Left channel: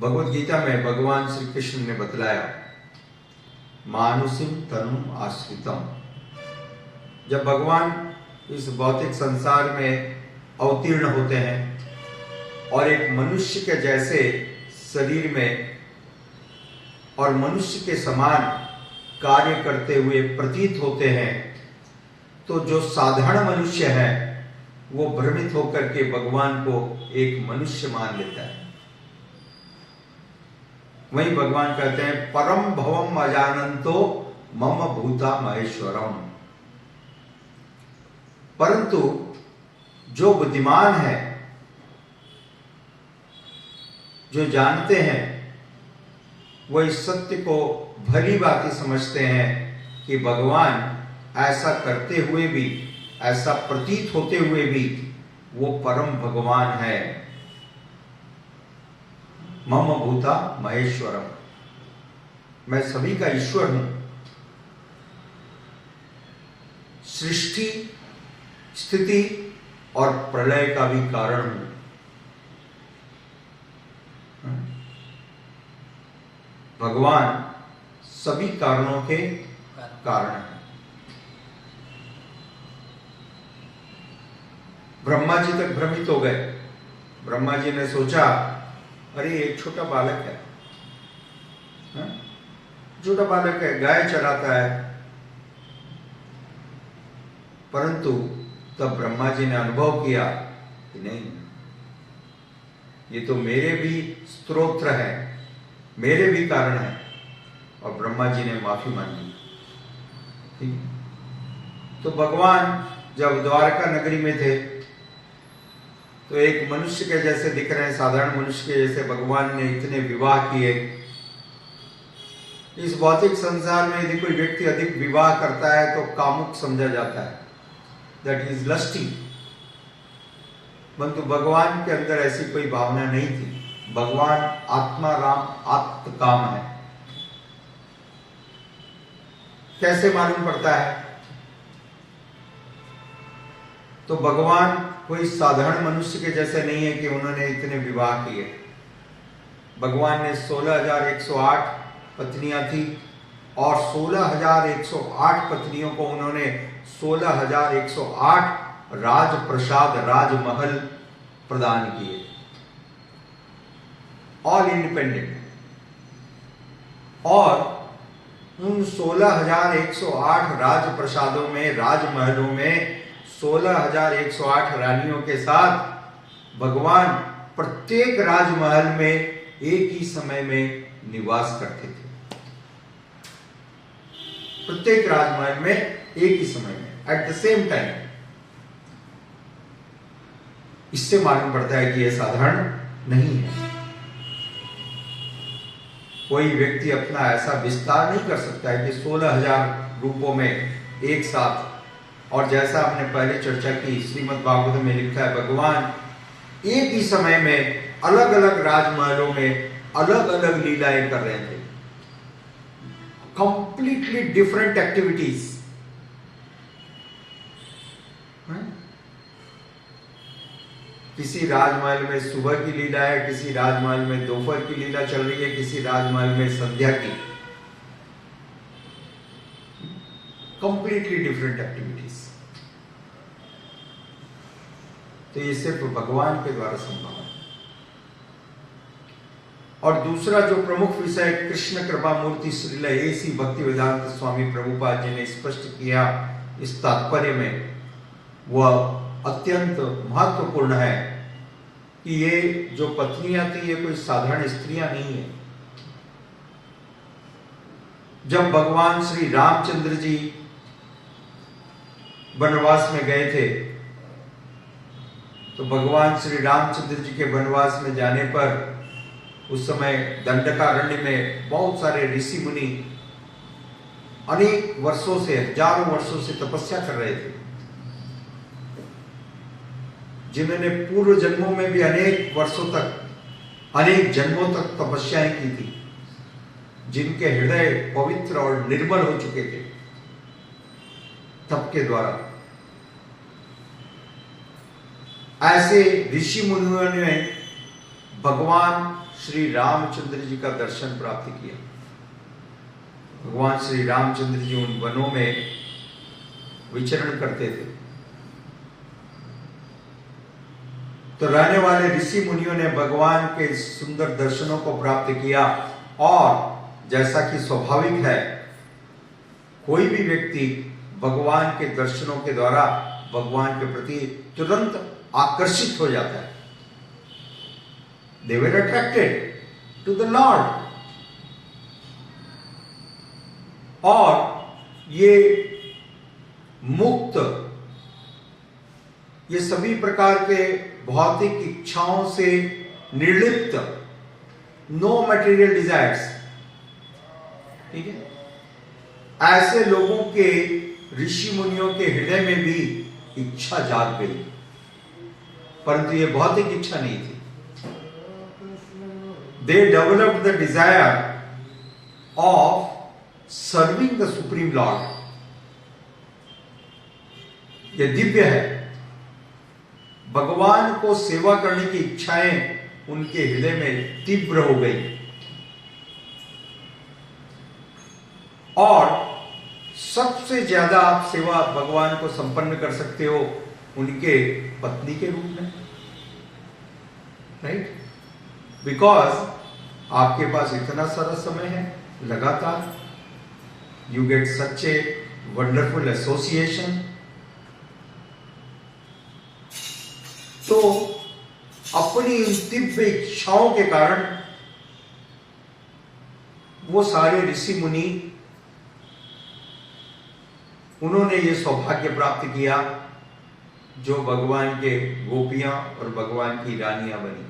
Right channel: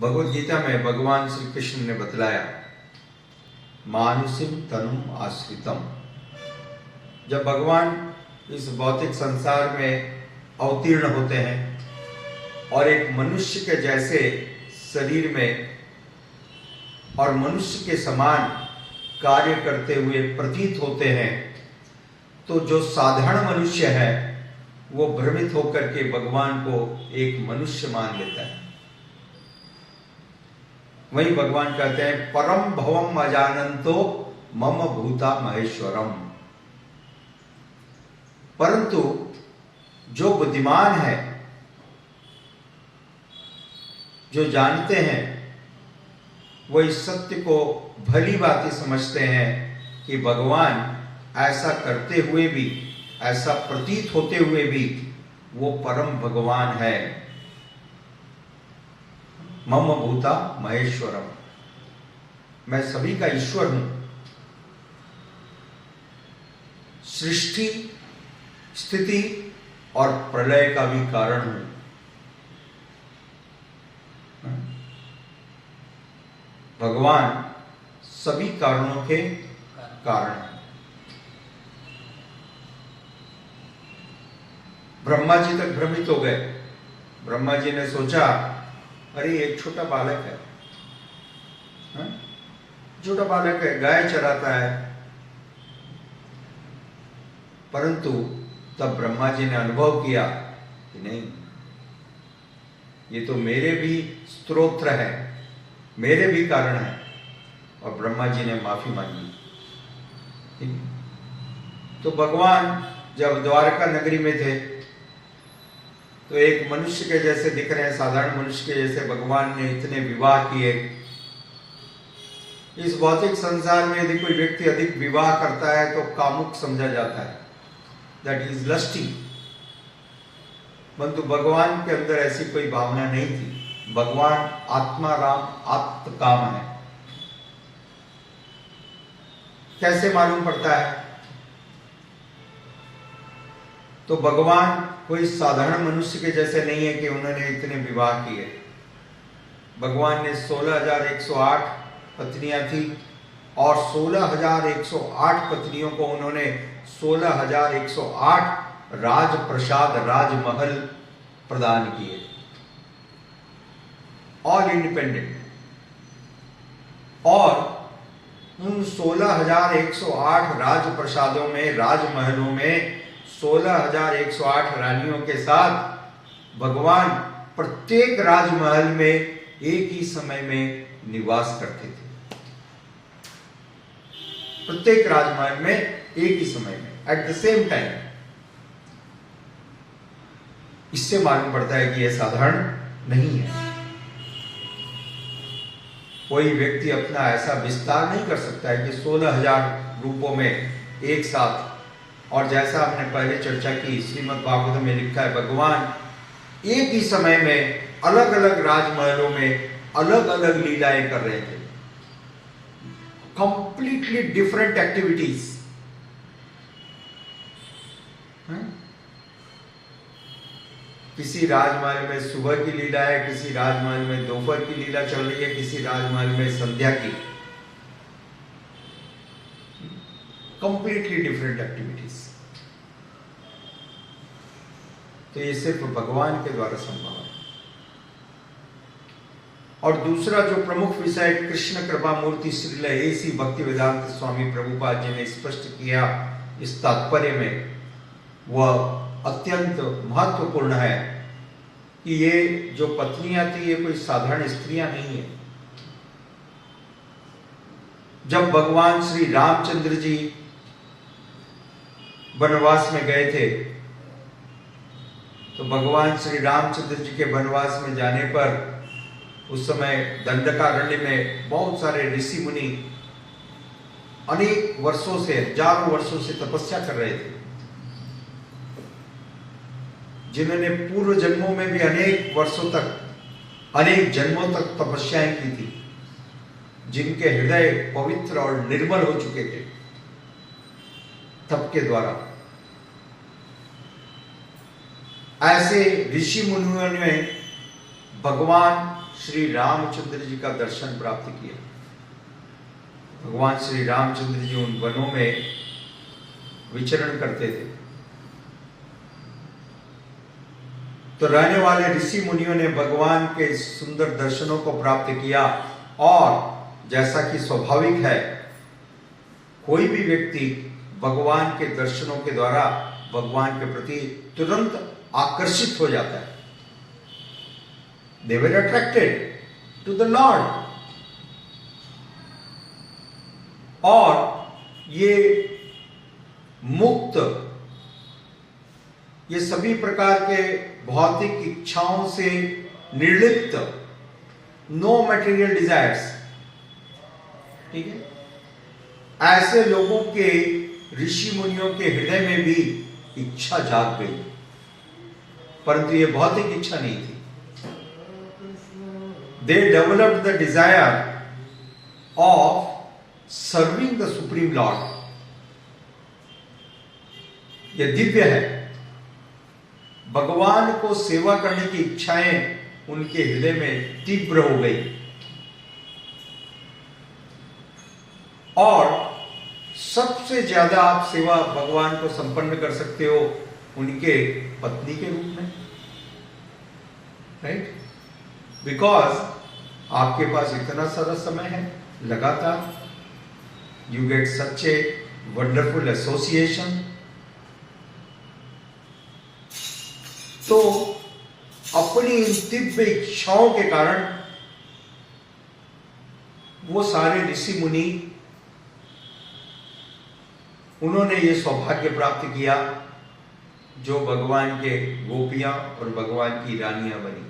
भगवत गीता में भगवान श्री कृष्ण ने बतलाया, मानुषिम तनुम आश्रितम। जब भगवान इस भौतिक संसार में अवतीर्ण होते हैं और एक मनुष्य के जैसे शरीर में और मनुष्य के समान कार्य करते हुए प्रतीत होते हैं, तो जो साधारण मनुष्य है वो भ्रमित होकर के भगवान को एक मनुष्य मान लेता है। वही भगवान कहते हैं, परम भवम अजानंतो मम भूता महेश्वरम। परंतु जो बुद्धिमान है, जो जानते हैं, वो इस सत्य को भली भांति समझते हैं कि भगवान ऐसा करते हुए भी, ऐसा प्रतीत होते हुए भी वो परम भगवान है। मम भूता महेश्वरम, मैं सभी का ईश्वर हूं, सृष्टि स्थिति और प्रलय का भी कारण हूं। भगवान सभी कारणों के कारण है। ब्रह्मा जी तक भ्रमित हो गए। ब्रह्मा जी ने सोचा, अरे एक छोटा बालक है, छोटा बालक है, गाय चराता है। परंतु तब ब्रह्मा जी ने अनुभव किया कि नहीं, ये तो मेरे भी स्तोत्र है, मेरे भी कारण है। और ब्रह्मा जी ने माफी मांगी। ठीक है। तो भगवान जब द्वारका नगरी में थे तो एक मनुष्य के जैसे दिख रहे हैं, साधारण मनुष्य के जैसे भगवान ने इतने विवाह किए। इस भौतिक संसार में यदि कोई व्यक्ति अधिक विवाह करता है तो कामुक समझा जाता है, दैट इज लस्टी। परंतु भगवान के अंदर ऐसी कोई भावना नहीं थी। भगवान आत्मा राम आत्मकाम है। कैसे मालूम पड़ता है? तो भगवान कोई साधारण मनुष्य के जैसे नहीं है कि उन्होंने इतने विवाह किए। भगवान ने 16,108 पत्नियां थी और 16,108 पत्नियों को उन्होंने 16,108 राजप्रसाद, राजमहल प्रदान किए, ऑल इंडिपेंडेंट। और उन 16,108 राजप्रसादों में, राजमहलों में 16,108 रानियों के साथ भगवान प्रत्येक राजमहल में एक ही समय में निवास करते थे। प्रत्येक राजमहल में एक ही समय में, एट द सेम टाइम। इससे मालूम पड़ता है कि यह साधारण नहीं है। कोई व्यक्ति अपना ऐसा विस्तार नहीं कर सकता है कि 16,000 रूपों में एक साथ। और जैसा हमने पहले चर्चा की, श्रीमद् भागवत में लिखा है, भगवान एक ही समय में अलग अलग राजमहलों में अलग अलग लीलाएं कर रहे थे। Completely different activities. किसी राजमहल में सुबह की लीला है, किसी राजमहल में दोपहर की लीला चल रही है, किसी राजमहल में संध्या की। Completely different activities. तो ये सिर्फ भगवान के द्वारा संभव है। और दूसरा जो प्रमुख विषय कृष्ण कृपा मूर्ति श्रील ऐसी भक्ति वेदांत स्वामी प्रभुपाद जी ने स्पष्ट किया इस तात्पर्य में, वह अत्यंत महत्वपूर्ण है कि ये जो पत्नियां थी ये कोई साधारण स्त्रियां नहीं है। जब भगवान श्री रामचंद्र जी वनवास में गए थे तो भगवान श्री रामचंद्र जी के वनवास में जाने पर उस समय दंडकारण्य में बहुत सारे ऋषि मुनि अनेक वर्षों से, हजारों वर्षों से तपस्या कर रहे थे, जिन्होंने पूर्व जन्मों में भी अनेक वर्षों तक, अनेक जन्मों तक तपस्याएं की थी, जिनके हृदय पवित्र और निर्मल हो चुके थे तप के द्वारा। ऐसे ऋषि मुनियों ने भगवान श्री रामचंद्र जी का दर्शन प्राप्त किया। भगवान श्री रामचंद्र जी उन वनों में विचरण करते थे, तो रहने वाले ऋषि मुनियों ने भगवान के सुंदर दर्शनों को प्राप्त किया। और जैसा कि स्वाभाविक है, कोई भी व्यक्ति भगवान के दर्शनों के द्वारा भगवान के प्रति तुरंत आकर्षित हो जाता है। They were attracted to the Lord। और ये मुक्त, ये सभी प्रकार के भौतिक इच्छाओं से निर्लिप्त, नो मटेरियल डिजायर्स, ठीक है, ऐसे लोगों के, ऋषि मुनियों के हृदय में भी इच्छा जाग गई, परंतु ये भौतिक इच्छा नहीं थी। They developed the desire of serving the Supreme Lord। यह दिव्य है। भगवान को सेवा करने की इच्छाएं उनके हृदय में तीव्र हो गई, और सबसे ज्यादा आप सेवा भगवान को संपन्न कर सकते हो उनके पत्नी के रूप में, राइट? बिकॉज आपके पास इतना सारा समय है लगातार, you get such a wonderful association. तो अपनी इन दिव्य इच्छाओं के कारण वो सारे ऋषि मुनि, उन्होंने ये सौभाग्य प्राप्त किया जो भगवान के गोपियां और भगवान की रानियां बनी।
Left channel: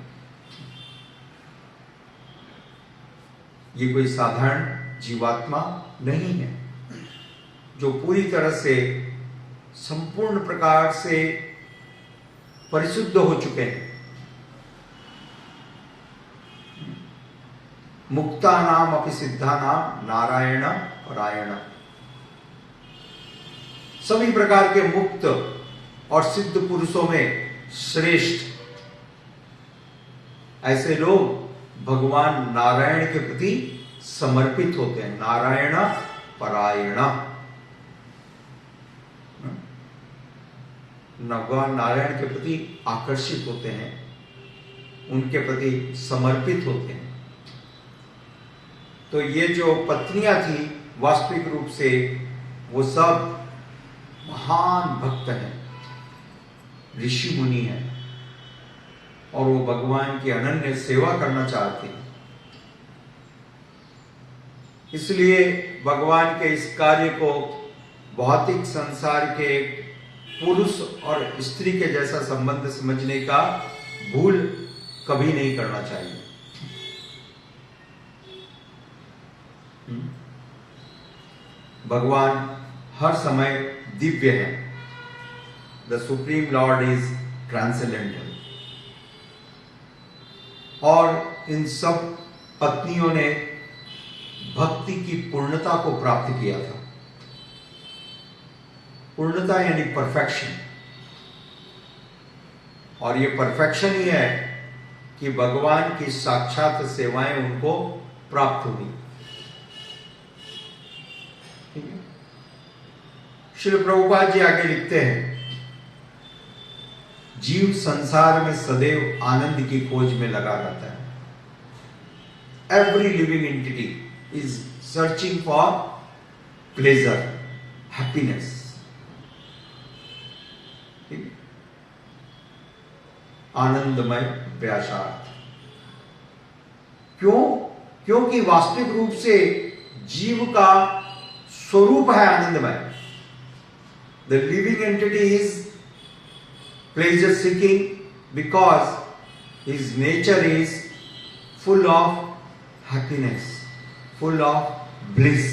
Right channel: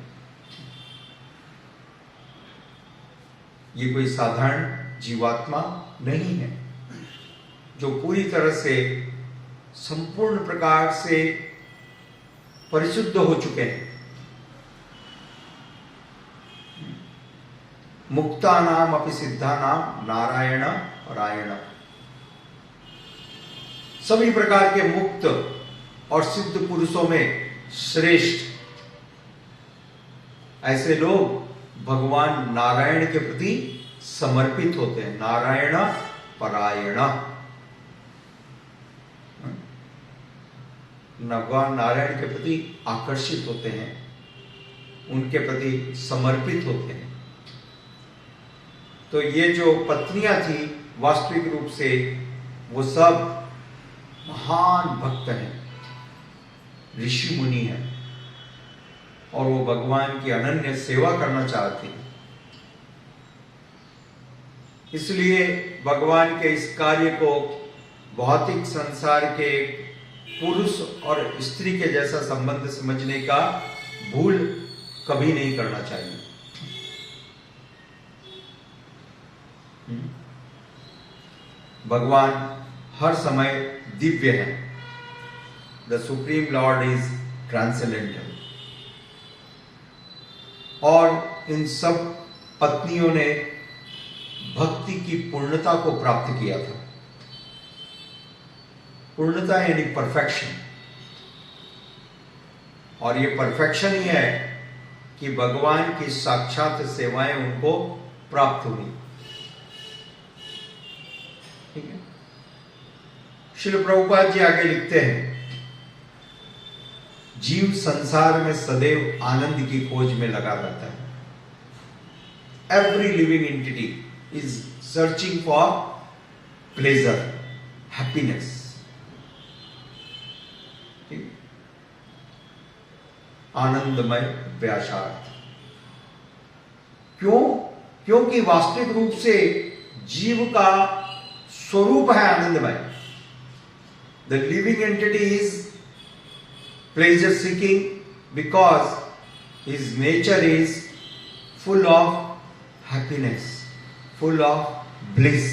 ये कोई साधारण जीवात्मा नहीं है जो पूरी तरह से संपूर्ण प्रकार से परिशुद्ध हो चुके हैं। मुक्ता नाम अपि सिद्धा नाम नारायण रायण। सभी प्रकार के मुक्त और सिद्ध पुरुषों में श्रेष्ठ ऐसे लोग भगवान नारायण के प्रति समर्पित होते हैं, नारायण परायण। भगवान नारायण के प्रति आकर्षित होते हैं, उनके प्रति समर्पित होते हैं। तो ये जो पत्नियां थी वास्तविक रूप से वो सब महान भक्त हैं, ऋषि मुनि हैं, और वो भगवान की अनन्य सेवा करना चाहते हैं। इसलिए भगवान के इस कार्य को भौतिक संसार के पुरुष और स्त्री के जैसा संबंध समझने का भूल कभी नहीं करना चाहिए। भगवान हर समय दिव्य है। The supreme Lord is transcendental. और इन सब पत्नियों ने भक्ति की पूर्णता को प्राप्त किया था। पूर्णता यानी परफेक्शन। और ये परफेक्शन ही है कि भगवान की साक्षात सेवाएं उनको प्राप्त हुई। ठीक है। श्रील प्रभुपाद जी आगे लिखते हैं, जीव संसार में सदैव आनंद की खोज में लगा रहता है। Every living entity is searching for pleasure, happiness. आनंदमय व्यासार्थ। क्यों? क्योंकि वास्तविक रूप से जीव का स्वरूप है आनंदमय। The living entity is pleasure seeking because his nature is full of happiness, full of bliss।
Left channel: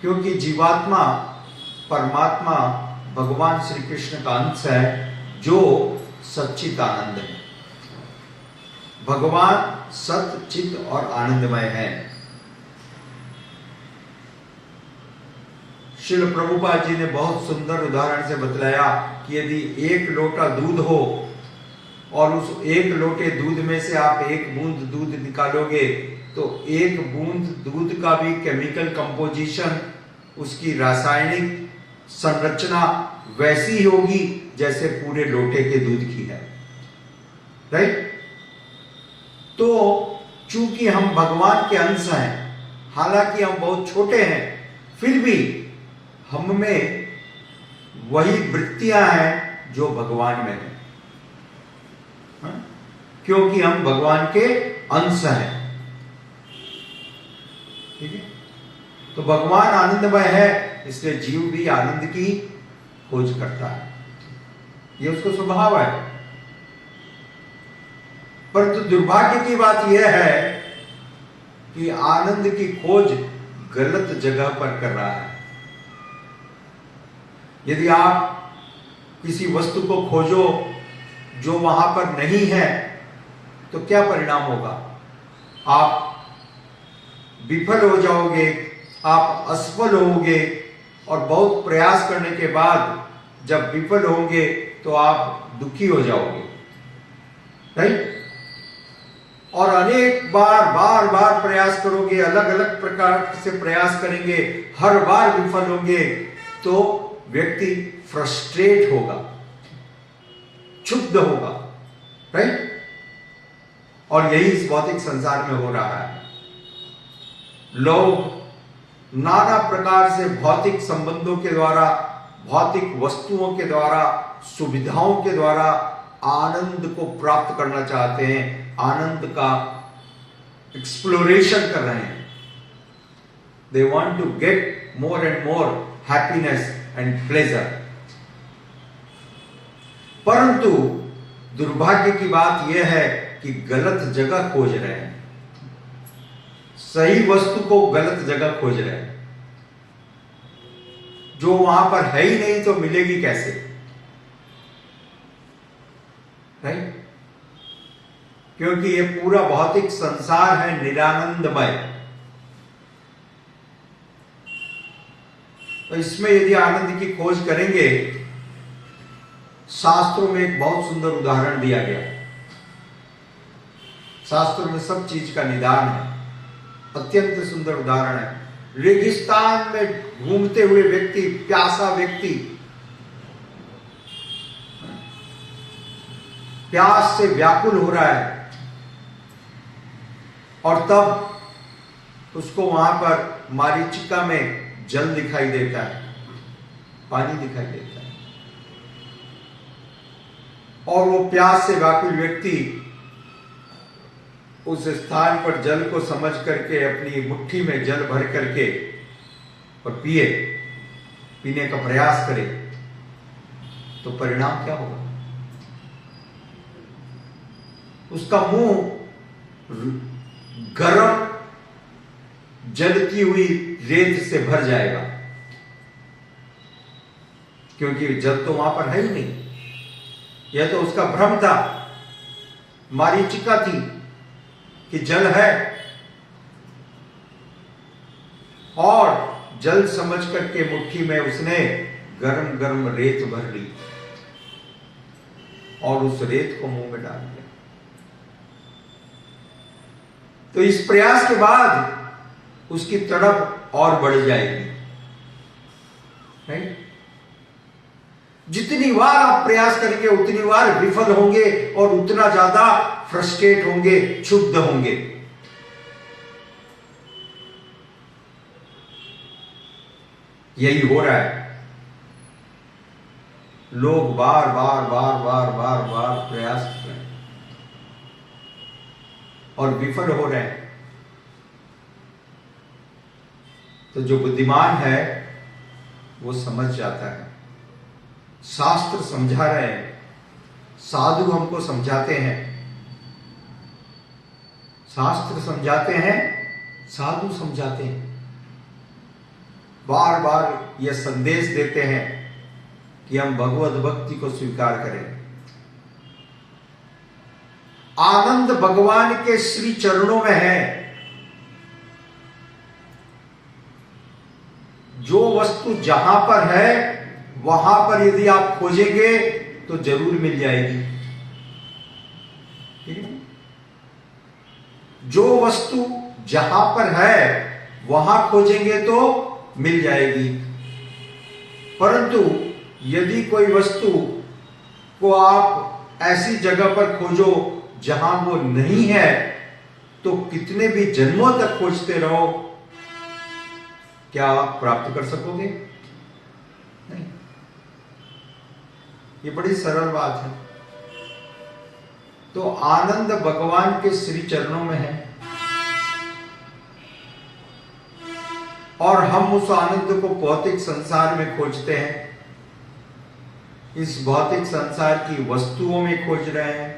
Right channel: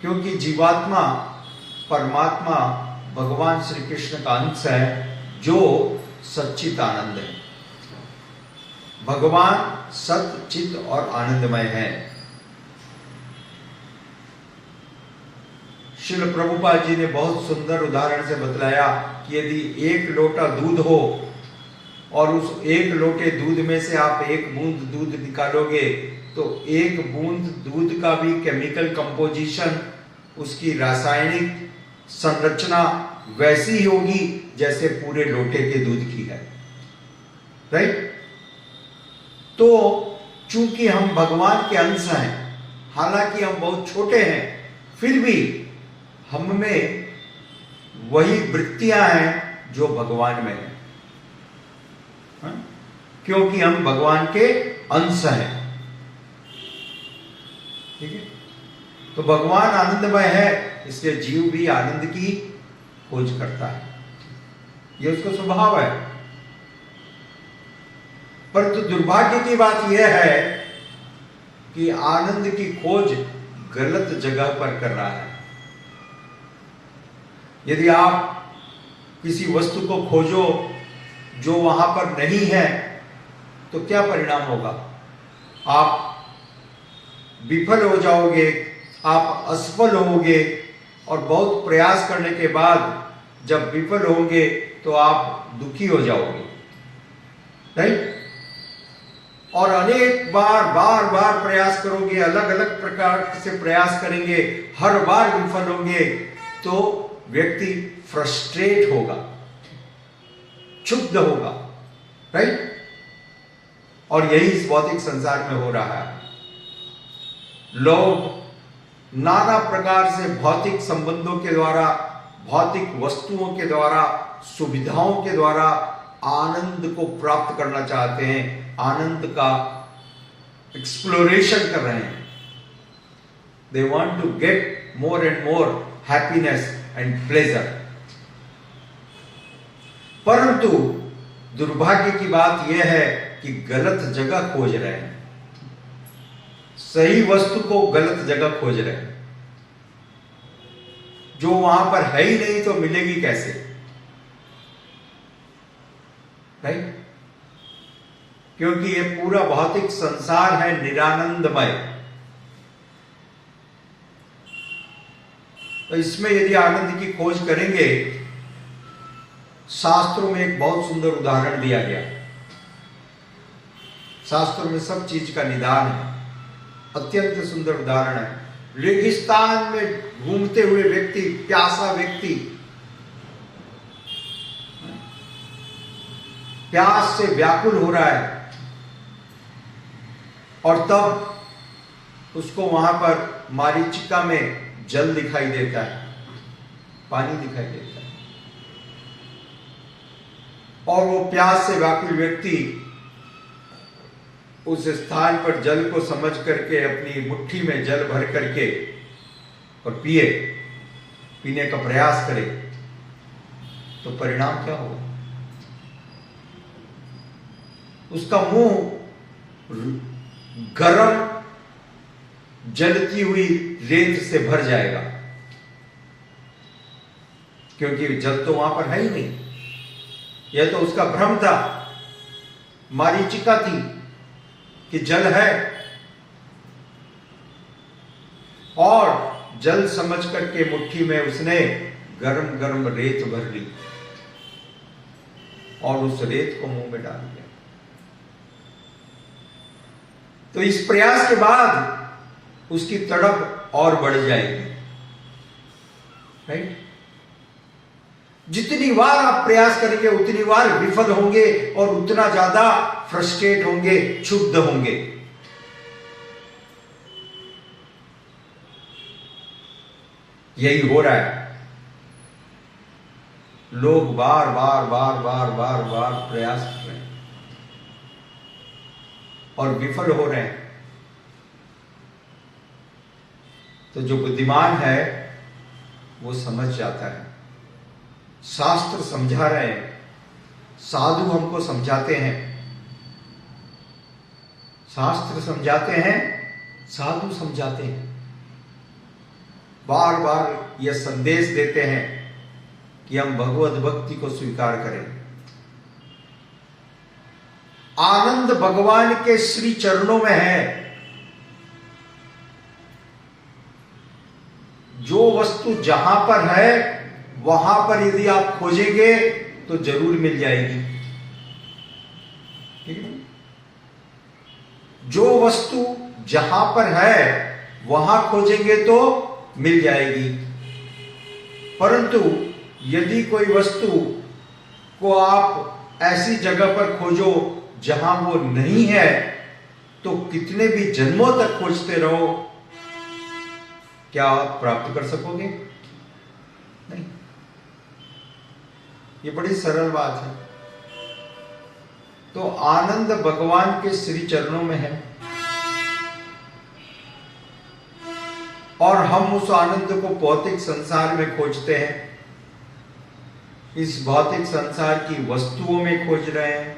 क्योंकि जीवात्मा परमात्मा भगवान श्री कृष्ण का अंश है जो सच्चित आनंद है। भगवान सत चित और आनंदमय है। श्रील प्रभुपाद जी ने बहुत सुंदर उदाहरण से बतलाया कि यदि एक लोटा दूध हो और उस एक लोटे दूध में से आप एक बूंद दूध निकालोगे तो एक बूंद दूध का भी केमिकल कंपोजिशन, उसकी रासायनिक संरचना वैसी ही होगी जैसे पूरे लोटे के दूध की है, राइट। तो चूंकि हम भगवान के अंश हैं, हालांकि हम बहुत छोटे हैं, फिर भी हम में वही वृत्तियां हैं जो भगवान में है, क्योंकि हम भगवान के अंश हैं, ठीक है। तो भगवान आनंदमय है, इसलिए जीव भी आनंद की खोज करता है, यह उसका स्वभाव है। परंतु दुर्भाग्य की बात यह है कि आनंद की खोज गलत जगह पर कर रहा है। यदि आप किसी वस्तु को खोजो जो वहां पर नहीं है तो क्या परिणाम होगा? आप विफल हो जाओगे, आप असफल होंगे, और बहुत प्रयास करने के बाद जब विफल होंगे तो आप दुखी हो जाओगे, राइट। और अनेक बार प्रयास करोगे, अलग अलग प्रकार से प्रयास करेंगे, हर बार विफल होंगे, तो व्यक्ति फ्रस्ट्रेट होगा, क्षुब्ध होगा, राइट। और यही इस भौतिक संसार में हो रहा है। लोग नाना प्रकार से भौतिक संबंधों के द्वारा, भौतिक वस्तुओं के द्वारा, सुविधाओं के द्वारा आनंद को प्राप्त करना चाहते हैं, आनंद का एक्सप्लोरेशन कर रहे हैं। They want to get more and more happiness and pleasure. परंतु दुर्भाग्य की बात यह है कि गलत जगह खोज रहे हैं, सही वस्तु को गलत जगह खोज रहे हैं, जो वहां पर है ही नहीं तो मिलेगी कैसे, राइट। क्योंकि ये पूरा भौतिक संसार है निरानंदमय। तो इसमें यदि आनंद की खोज करेंगे, शास्त्रों में एक बहुत सुंदर उदाहरण दिया गया। शास्त्रों में सब चीज का निदान है, अत्यंत सुंदर उदाहरण है। रेगिस्तान में घूमते हुए व्यक्ति, प्यासा व्यक्ति, प्यास से व्याकुल हो रहा है, और तब उसको वहां पर मारीचिका में जल दिखाई देता है, पानी दिखाई देता है, और वो प्यास से व्याकुल व्यक्ति उस स्थान पर जल को समझ करके अपनी मुट्ठी में जल भर करके और पीने का प्रयास करे, तो परिणाम क्या होगा? उसका मुंह गर्म जलती हुई रेत से भर जाएगा, क्योंकि जल तो वहां पर है ही नहीं। यह तो उसका भ्रम था, मारीचिका थी कि जल है, और जल समझ करके मुट्ठी में उसने गरम गरम रेत भर ली और उस रेत को मुंह में डाल दिया। तो इस प्रयास के बाद उसकी तड़प और बढ़ जाएगी, राइट। जितनी बार आप प्रयास करेंगे उतनी बार विफल होंगे और उतना ज्यादा फ्रस्ट्रेट होंगे, क्षुब्ध होंगे। यही हो रहा है। लोग बार बार प्रयास कर रहे हैं और विफल हो रहे हैं। तो जो बुद्धिमान है वो समझ जाता है। शास्त्र समझा रहे हैं, साधु हमको समझाते हैं, शास्त्र समझाते हैं, साधु समझाते हैं, बार बार यह संदेश देते हैं कि हम भगवत भक्ति को स्वीकार करें। आनंद भगवान के श्री चरणों में है। जो वस्तु जहां पर है वहां पर यदि आप खोजेंगे तो जरूर मिल जाएगी। ठीक है। जो वस्तु जहां पर है वहां खोजेंगे तो मिल जाएगी, परंतु यदि कोई वस्तु को आप ऐसी जगह पर खोजो जहां वो नहीं है, तो कितने भी जन्मों तक खोजते रहो, क्या आप प्राप्त कर सकोगे? नहीं। ये बड़ी सरल बात है। तो आनंद भगवान के श्री चरणों में है, और हम उस आनंद को भौतिक संसार में खोजते हैं, इस भौतिक संसार की वस्तुओं में खोज रहे हैं,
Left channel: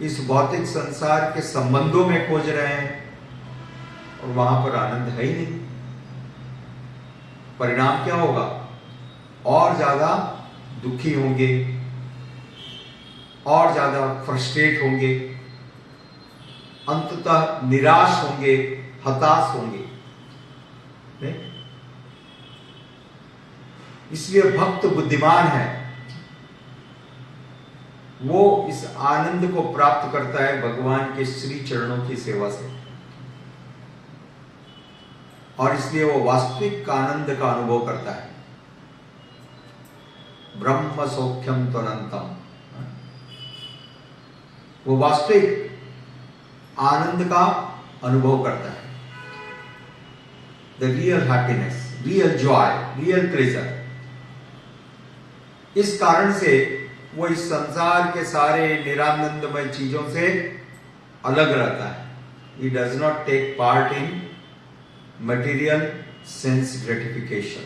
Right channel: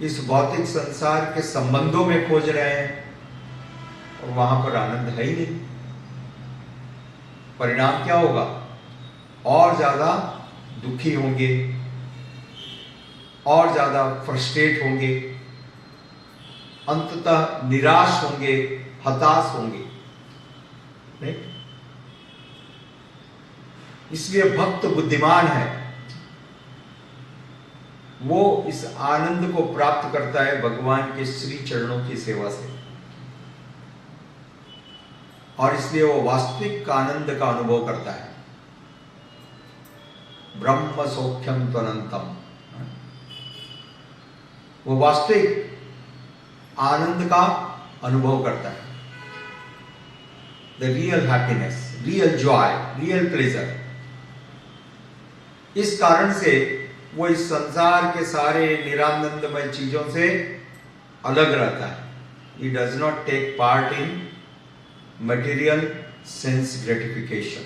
इस भौतिक संसार के संबंधों में खोज रहे हैं, और वहां पर आनंद है ही नहीं। परिणाम क्या होगा? और ज्यादा दुखी होंगे, और ज्यादा फ्रस्ट्रेट होंगे, अंततः निराश होंगे, हताश होंगे। इसलिए भक्त बुद्धिमान है, वो इस आनंद को प्राप्त करता है भगवान के श्री चरणों की सेवा से, और इसलिए वो वास्तविक आनंद का अनुभव करता है। ब्रह्म सौख्यम त्वनंतम, वो वास्तविक आनंद का अनुभव करता है। The real happiness, real Joy, real pleasure. इस कारण से वो इस संसार के सारे निरानंदमय चीजों से अलग रहता है। He does not take part in material sense gratification.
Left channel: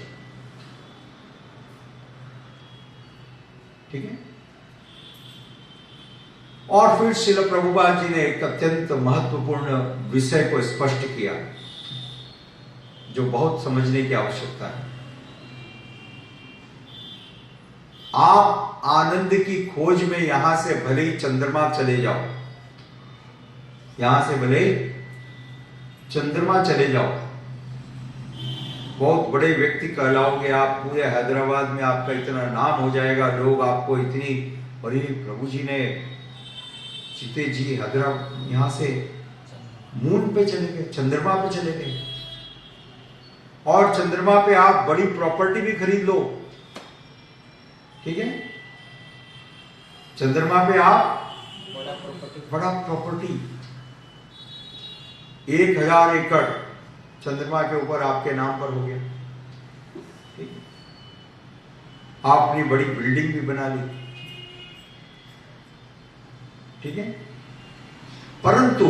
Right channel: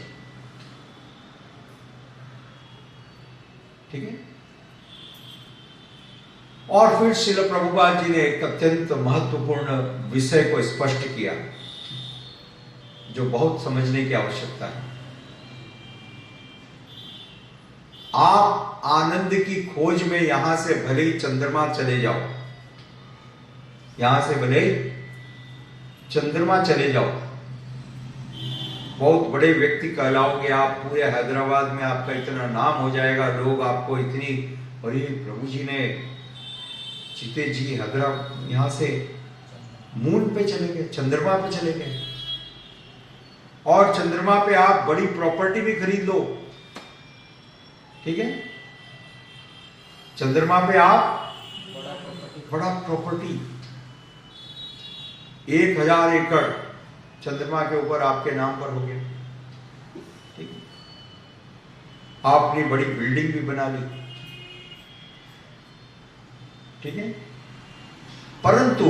ठीक है। और फिर श्रील प्रभुपाद जी ने एक अत्यंत महत्वपूर्ण विषय को स्पष्ट किया, जो बहुत समझने की आवश्यकता है। आप आनंद की खोज में यहां से भले ही चंद्रमा चले जाओ, यहां से भले चंद्रमा चले जाओ, बहुत बड़े व्यक्ति कहलाओगे आप, पूरे हैदराबाद में आपका इतना नाम हो जाएगा, लोग आपको इतनी, अरे प्रभु जी ने, चिते जी हैदराबाद यहां से मून पे चले गए, चंद्रमा पे चले गए, और चंद्रमा पे आप बड़ी प्रॉपर्टी भी खरीद लो। ठीक है। चंद्रमा पे आप बड़ा प्रॉपर्टी, 1000 एकड़ चंद्रमा के ऊपर आपके नाम पर हो गया। ठीक है। आपने बड़ी बिल्डिंग भी बना ली। ठीक है। परंतु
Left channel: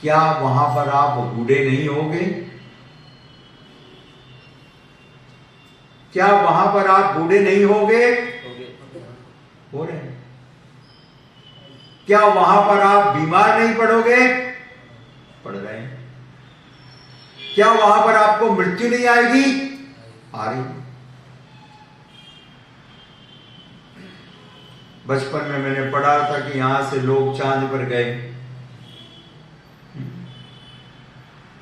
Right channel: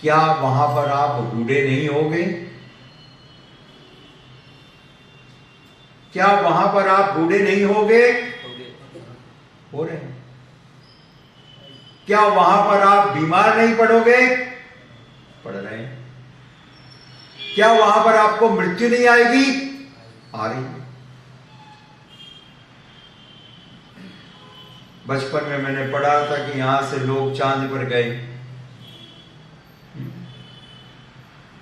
क्या वहां पर आप बूढ़े नहीं होगे? क्या वहां पर आप बूढ़े नहीं होगे? हो रहे हैं। क्या वहां पर आप बीमार नहीं पड़ोगे? पड़ रहे हैं। क्या वहां पर आपको मृत्यु नहीं आएगी? आ रही है। बचपन में मैंने पढ़ा था कि यहां से लोग चांद पर गए।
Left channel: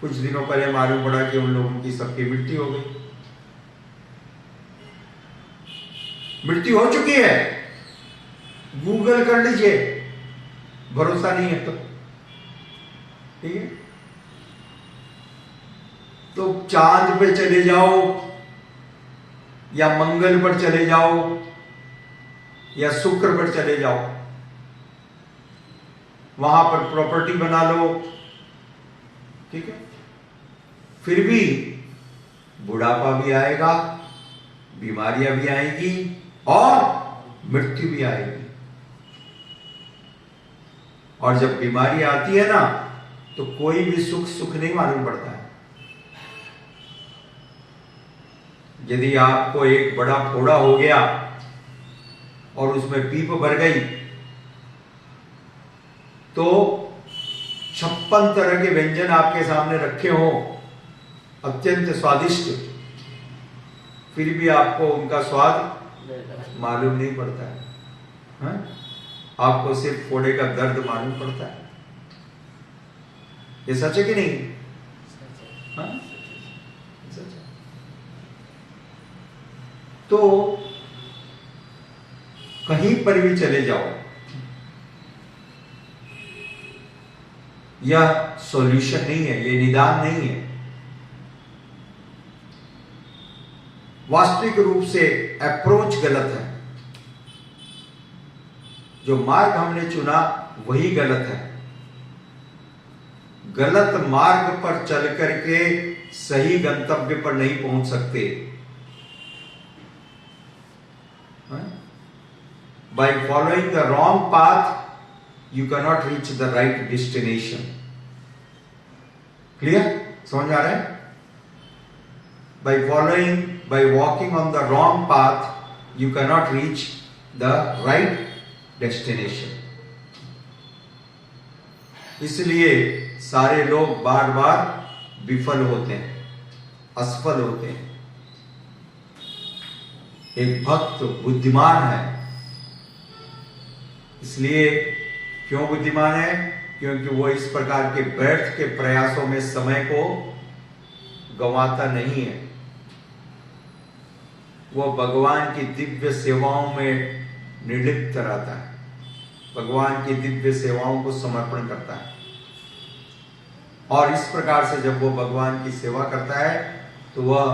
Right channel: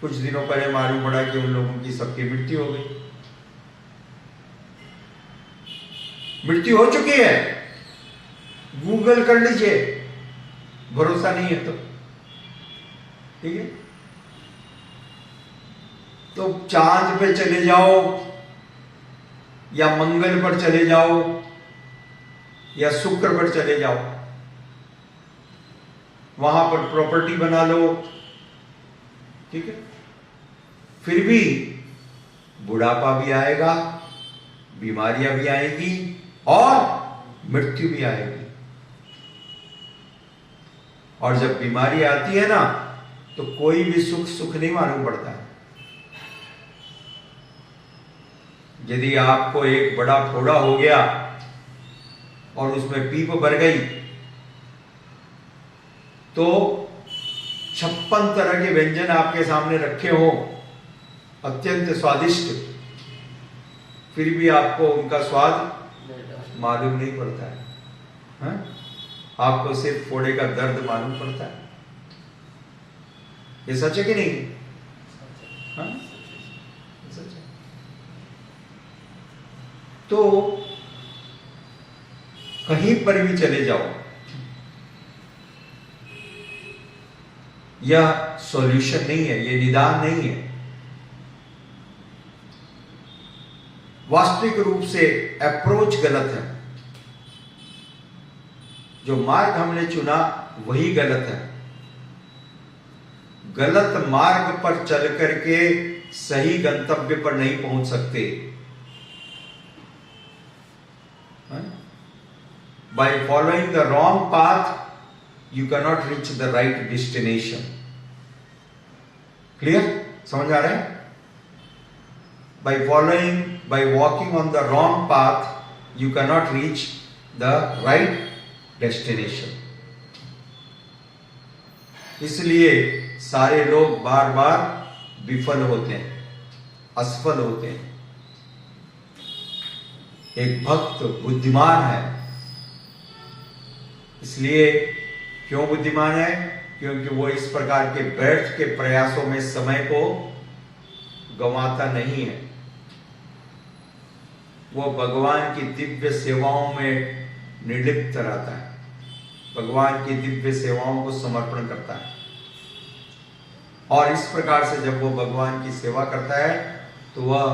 कुछ दिनों पहले मालूम पड़ा कि उन लोगों की सबकी मृत्यु हो गई। मृत्यु हो चुकी है, गूगल कर लीजिए, भरोसा नहीं है तो। ठीक है। तो चांद पे चले जाओ, या मंगल पर चले जाओ, या शुक्र पर चले जाओ, वहां पर प्रॉपर्टी बना लो। ठीक है। फिर भी बुढ़ापा भी आएगा, बीमारियां भी आएगी, और मृत्यु भी आएगी। और जब बीमारी आती है ना, तो कोई भी सुख नहीं मालूम पड़ता है। यदि आपको एक बड़ा फोड़ा हो गया और उसमें पीप भर गई, तो 56 तरह के व्यंजन आपके सामने रखे हो, अत्यंत स्वादिष्ट, फिर भी आपको उनका स्वाद मालूम नहीं पड़ता है, हाँ? आपको सिर्फ फोड़े का दर्द मालूम पड़ता है। ये सच है कि नहीं? हाँ? सच है। तो कहीं पर भी चले जाओ, यह सॉल्यूशन नहीं है, ये निदान नहीं है। वास्तविक रूप से अप्रोच गलत है। जो मार्ग हमने चुना वही गलत है। गलत मार्ग पर चल करके सही गंतव्य पर नहीं पहुंच सकते। By following the wrong path, you cannot reach the right destination. Clear? समझ आ रहा है? By walking on the wrong path, you cannot reach the right destination. इसलिए सारे लोग बार बार विफल होते हैं, असफल होते हैं। एक भक्त बुद्धिमान है, इसलिए क्यों बुद्धिमान है? क्योंकि वो इस प्रकार के व्यर्थ के प्रयासों में समय को गंवाता नहीं है। वो भगवान की दिव्य सेवाओं में निर्लिप्त रहता है, भगवान की दिव्य सेवाओं को समर्पण करता है। और इस प्रकार से जब वो भगवान की सेवा करता है तो वह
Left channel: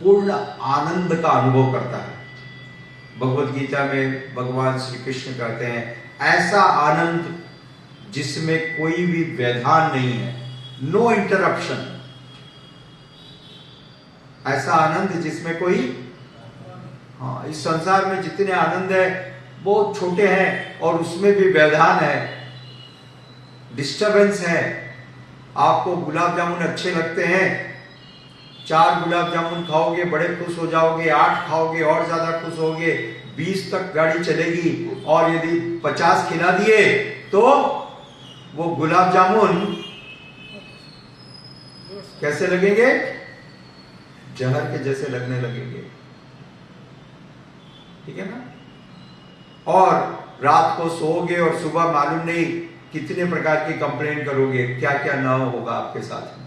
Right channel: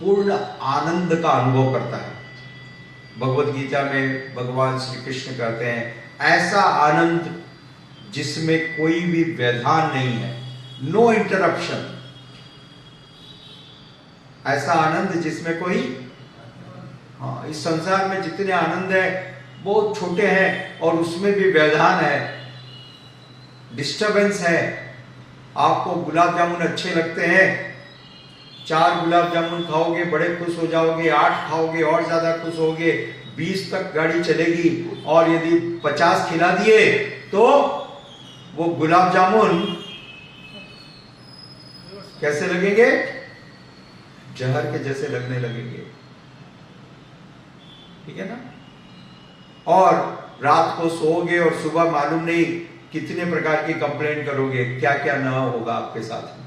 पूर्ण आनंद का अनुभव करता है। भगवत गीता में भगवान श्री कृष्ण कहते हैं, ऐसा आनंद जिसमें कोई भी व्यवधान नहीं है, नो इंटरप्शन। ऐसा आनंद जिसमें कोई, इस संसार में जितने आनंद है बहुत छोटे हैं और उसमें भी व्यवधान है, डिस्टरबेंस है। आपको गुलाब जामुन अच्छे लगते हैं, 4 गुलाब जामुन खाओगे बड़े खुश हो जाओगे, 8 खाओगे और ज्यादा खुश होगे, 20 तक गाड़ी चलेगी। और यदि 50 खिला दिए तो वो गुलाब जामुन कैसे लगेंगे? जहर के जैसे लगने लगेंगे। ठीक है ना? और रात को सोओगे और सुबह मालूम नहीं कितने प्रकार की कंप्लेंट करोगे, क्या क्या ना होगा आपके साथ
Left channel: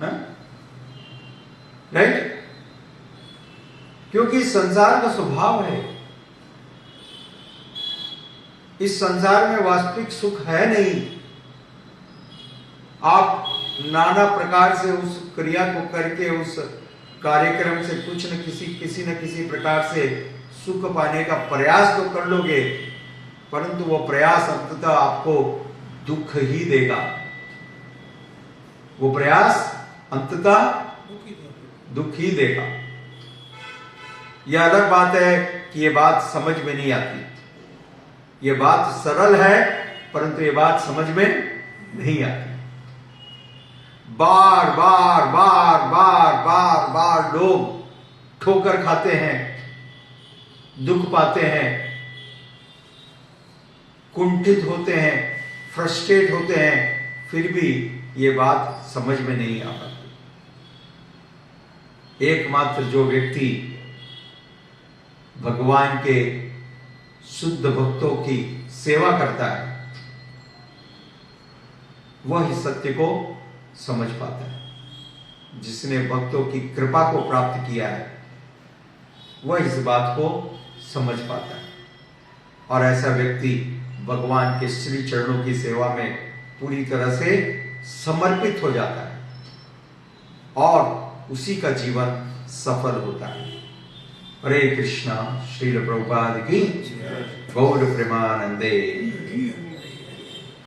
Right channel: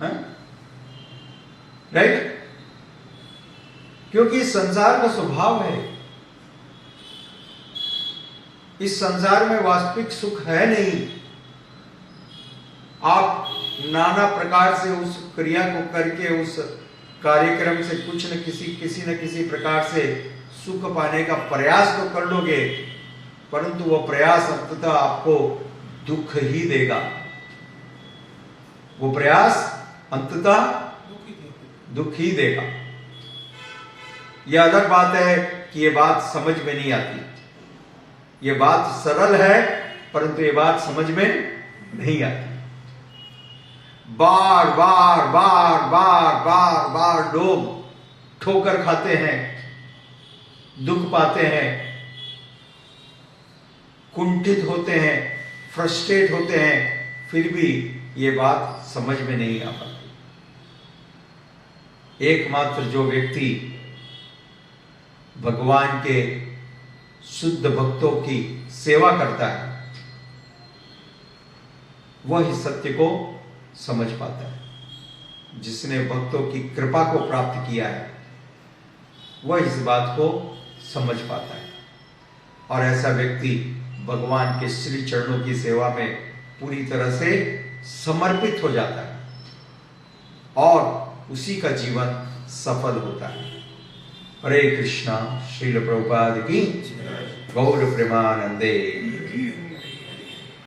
में, राइट? क्योंकि संसार का स्वभाव है, इस संसार में वास्तविक सुख है नहीं। आप नाना प्रकार से उस क्रिया को करके, उस कार्यक्रम से कुछ न किसी न किसी प्रकार से सुख पाने का प्रयास तो कर लोगे, परंतु वो प्रयास अंततः आपको दुख ही देगा। वो प्रयास अंततः दुख ही देगा। यह अलग बात है कि ये बात समझ में नहीं आती। ये बात सरल है परंतु ये बात समझ में नहीं आती। बार बार बार बार बार बार लोग ठोकर खाते हैं, दुख पाते हैं, कुंठित होते हैं, फ्रस्ट्रेट होते हैं, फिर भी ये बात समझ में नहीं आ पाती। एकमात्र जो व्यक्ति भगवान के शुद्ध भक्तों की सेवा करता है वह इस सत्य को समझ पाता है। जिसने भक्तों की कृपा को प्राप्त किया है वह इस बात को समझ पाता है, और ऐसा व्यक्ति भगवान के श्री चरणों की सेवा में पूरी तरह से समर्पित हो जाता है और उसी का जीवन सफल होता है। हरे कृष्णा। श्रील प्रभुपाद की गौर प्रेमानंदे।